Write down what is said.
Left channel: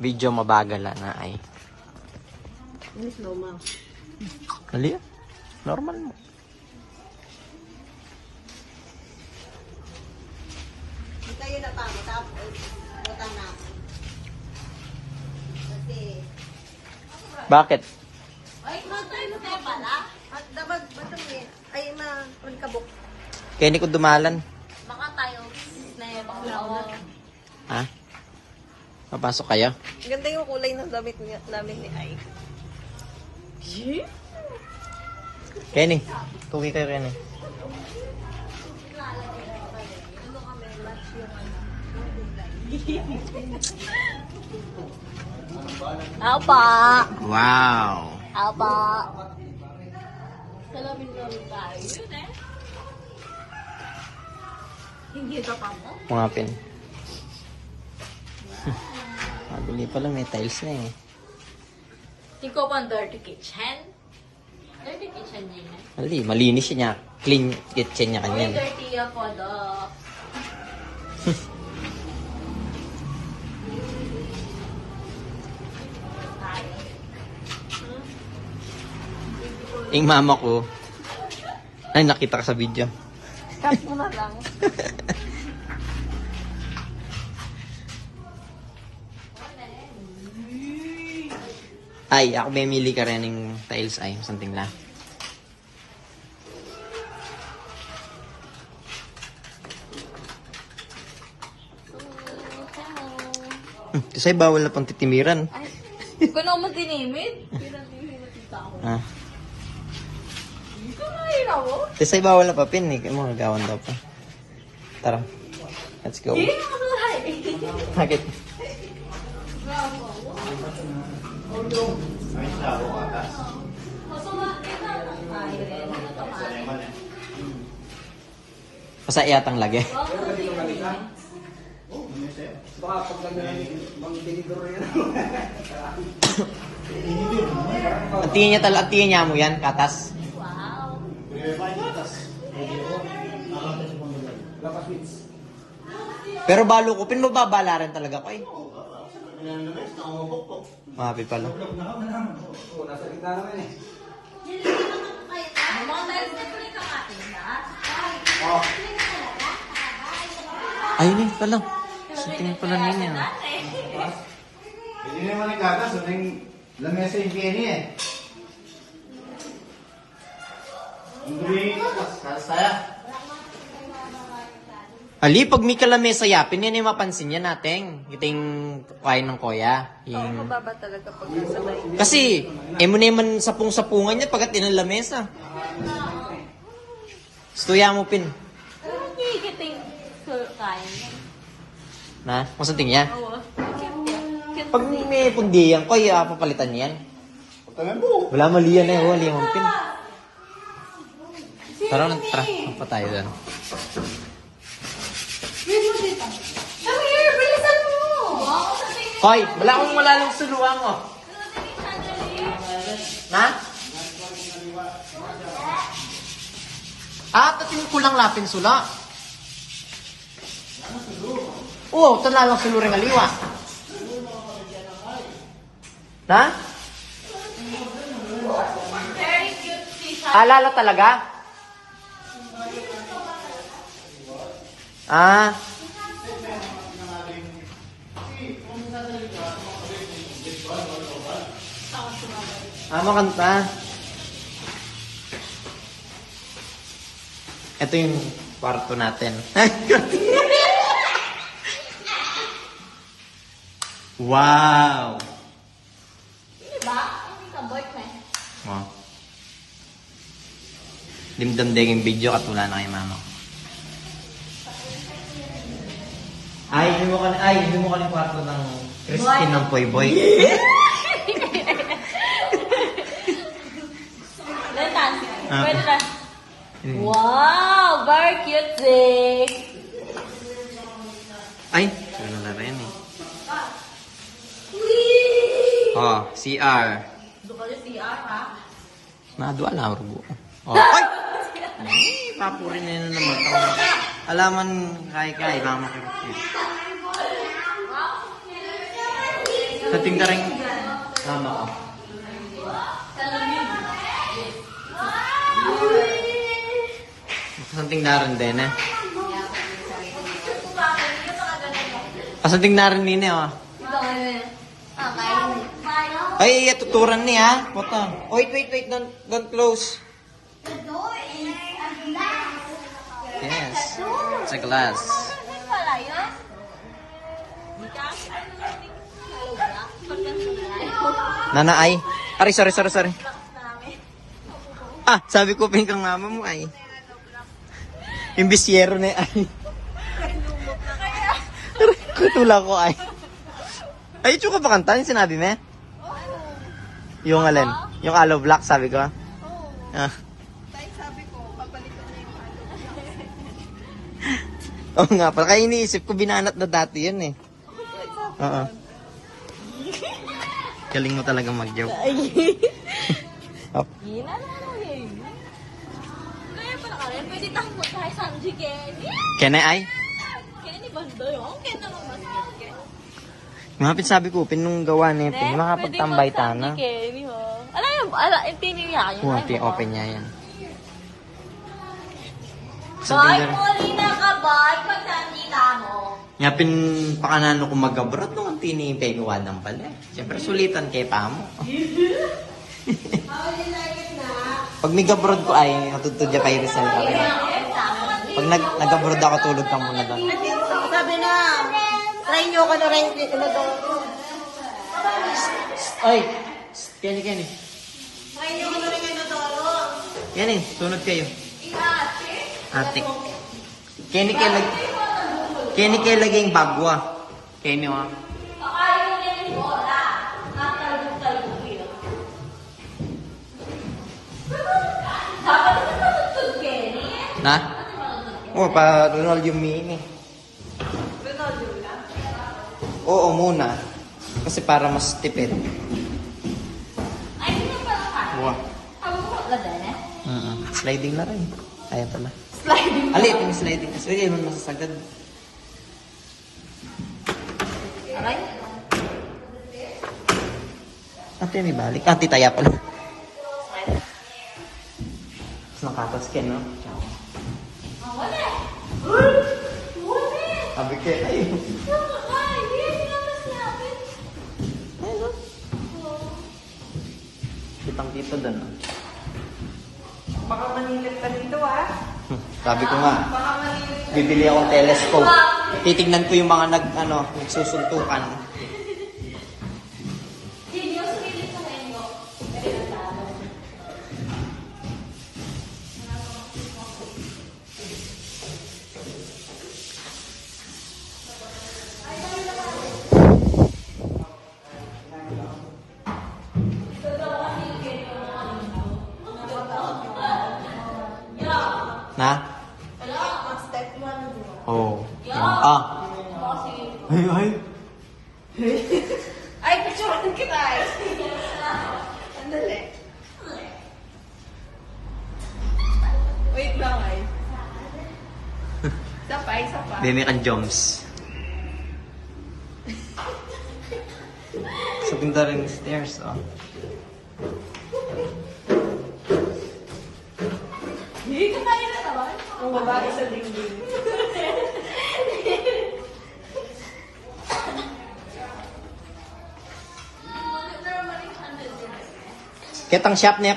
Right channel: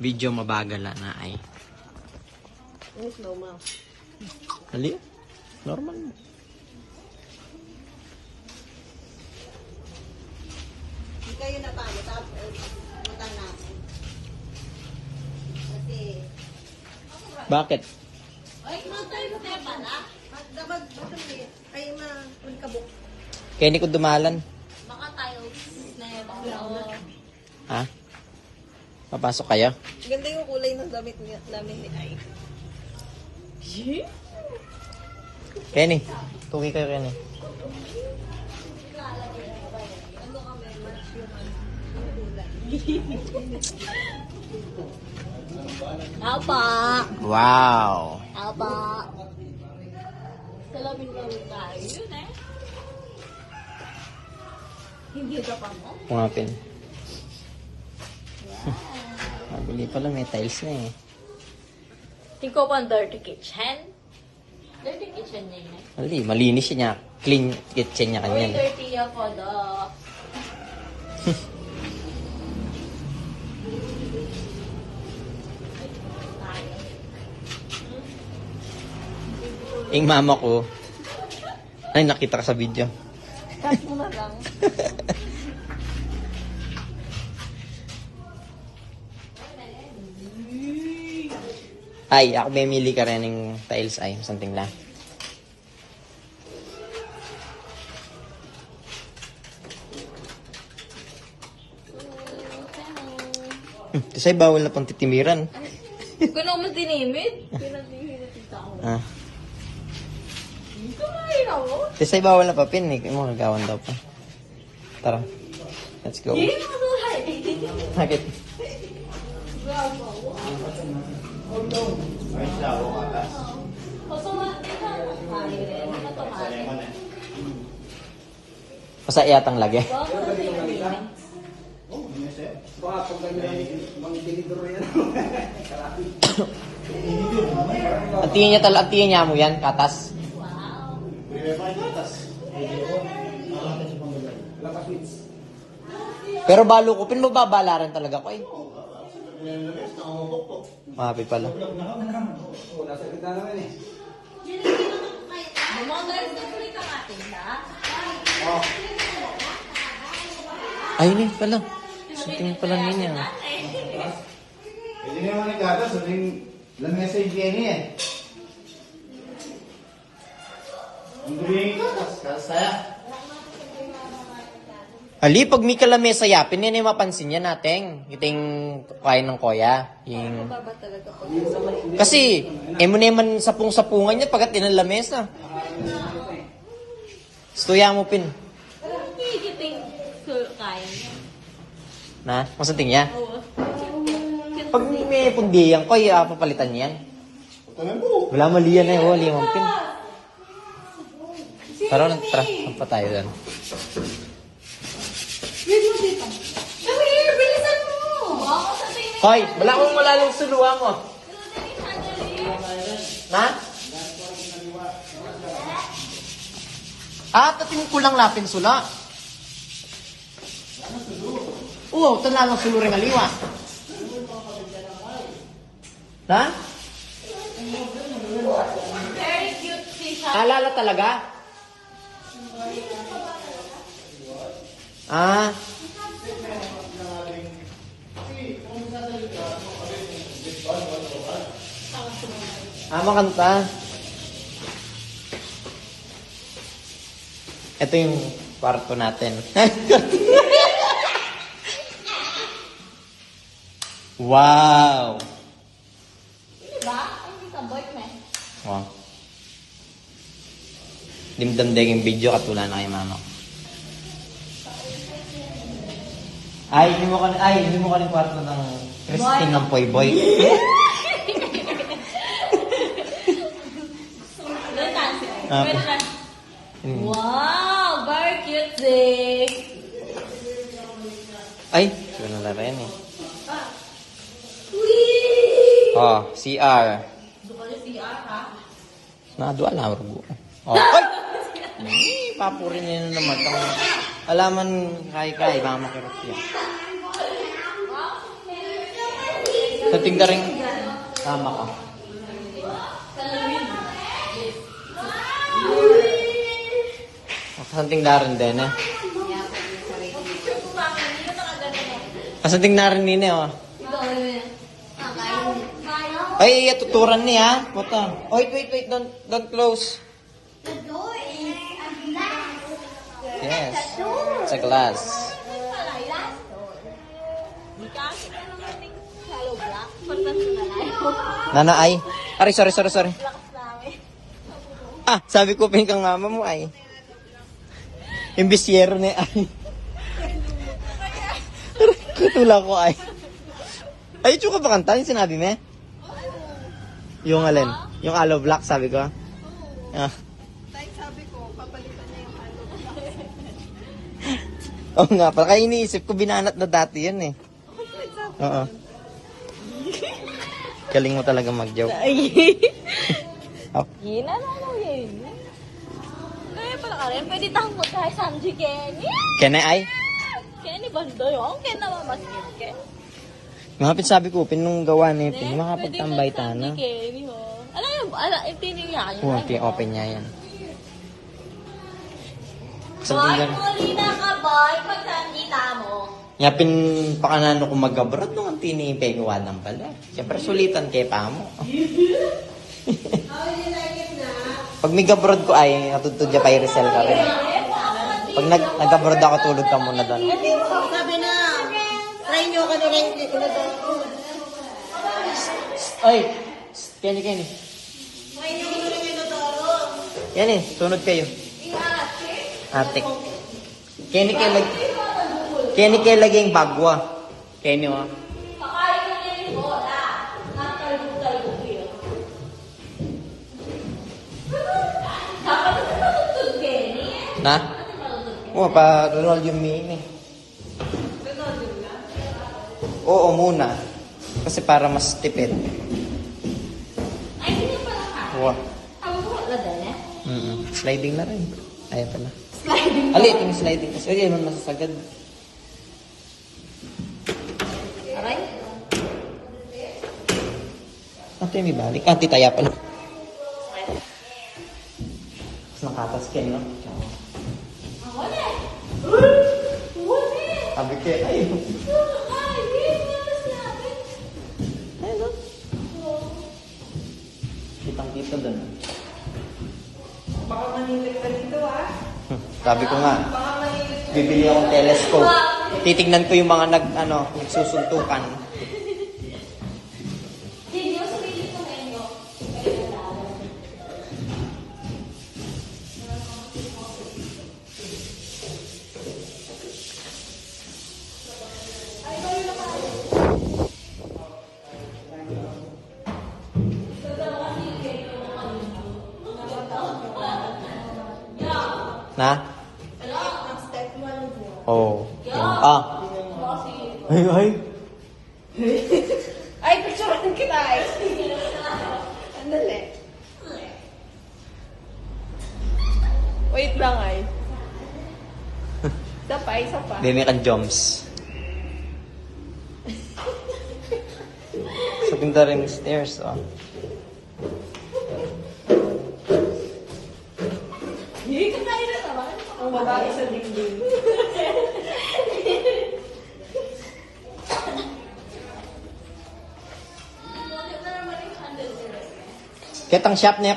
Video mabagal na ay. Normal. Hali. Normal mo. Hindi kayo natalo. Tapos, utang na. Kasi, Bakit? ay, tayo ka pala. At dapat, ay, magkabok. Kaya hindi ko dumalan. Baka tayo, na yun. Ha? Papasok kayo? Ganda yung kulay ng damit namin ni Ay. Kenny. Tugi kayo, Kenny. Apa? Wow. Apa? Salamin ko rin tayo. Hindi ka pa mo? Pungapin. Mabili pa lang yung tiles na eh. Ikaw pa ang dirty kitchen? Dirty kitchen yun eh. Hali, malinis niya. Clean kitchen niya kanyan. Dirty ako do. Yung mama ko, ay nakita ka sa video. Cut mo na lang. Ay, ako mamili ka rin ng tiles ay, something lang. Kasi bawal na pang titimiran. Hindi ko na ako matinimid. Pinatihimot yung tao. Ah. Ay, ako? Kasi bawal na papin eh. Mga gagawan daw pa. Tara. Let's go. Hindi ako na. Bakit? Masa iyatang lagi. Atiyan niya mo yan, katas. Pero balo ko, pinababala rin talaga ko eh. Mahapi pala. Ay, pala. Sakin pala niya. Hindi naman ikata, doon yung message niya eh. Hindi ko, saya. Ali, pag may kalamesa yapin, yan ay mapansin niya natin. Ito yung kain ng koya. Yung... Mababa talaga pag Kasi, mo naman sapung-sapungan niya pagkat din ang lamesa. Kaya mo pin. hindi kiting kaya niya. Na? Masunting niya? Pag may pundiyan ko, papalitan niya yan. Wala mali yan eh. Wala yung pin. Tara, pa tayo yan. Bilisan mo! Hoy, wala akong malalong tuluan mo. Na? Tatin ko lang natin sula. Oo, tanalang sulo rin aliwa. Na? Alala talaga? Ah. Makanta. Ito yung kwarto natin. Wow. Diba? Ang kabot na. Wow. Dimdam din yung video katulad na kay mama. Hindi mo ka ng kwarto ng Christine ng Poy Boy. Wow! Very cute, Zig! Ay, wala na rin eh. Whee! Oh, CR. Doon ka rin siya, ha? Nadua na ako. Oh, ay! Papurin niya yun naman. Alaman, kahit baka makarap yun. tinda rin. Tama ka. Sa tinda rin din, eh. Sa tinda rin din, eh, oh. Ay, tuturan niya, ha? Puta. Wait, don't close. Yes. Sa glass. Nana ay. Ari, sorry. Ah, sabi ko pingkang mama mo ay. Imbisyero na ay. Kutula ko ay. Ay, ito ka ba kantahin sinabi na? Yung alin? Yung aloe black sabi ko. Ah. Sabi ko, papalitan na yung Oo nga, pala kaya iniisip ko binanat na dati yan eh. Oo. Galing mo talaga mag-joke. Oh. Yun na lang yun. Kaya pala ka rin, pwede tayong mo tayo Sanji Kenny. Kaya ay? Kenny banda yun, kaya naman mas yun Kenny. Mga sabi ko, pinong gawa ni Pin, makapagtambay ta na. Kenny ho. Ano yung, hindi niya. Open niya yan. Bakit mo na ka ba? Pag nandita mo. Yapin pakanano ko mag-abroad no, ang pinihintay ko ng pala. Siyempre sulitan kay tamo. Pag nag-abroad ko ay natutudya kay Rizal ka rin. Pag nag-abroad ako tulog ka muna doon. Sabi na, try nyo ka na rin, hindi ko na daw. Ay! Kenny. Kenny, sunod kayo. Atik. Kenny kayo laging bagwa. Kenny mo. Na? Oo, pa-roll yung mini. Oo muna. Kasi para mas tipid. Wow. Sliding na rin. Ayaw pala. Alit yung sliding. Kasi yun ang nasasagad. Ate, may balik. Ate, taya pala. Nakatas ka, no? Sabi ko, ay. Kitang-kita doon. Baka manilip ka dito Sabi ko nga, bibili akong telescope. Titignan ko yung mga nagsusuntukan. Na? Oh, yan pa. Ay. Ay, picture ko tayo. Andali. Wait lang ay. Isa pa. Dini kang Jones. Sa pinta rin yung stairs, oh. Hindi ka kaya na naman. Ang labas sa dingding. Kitang shop niya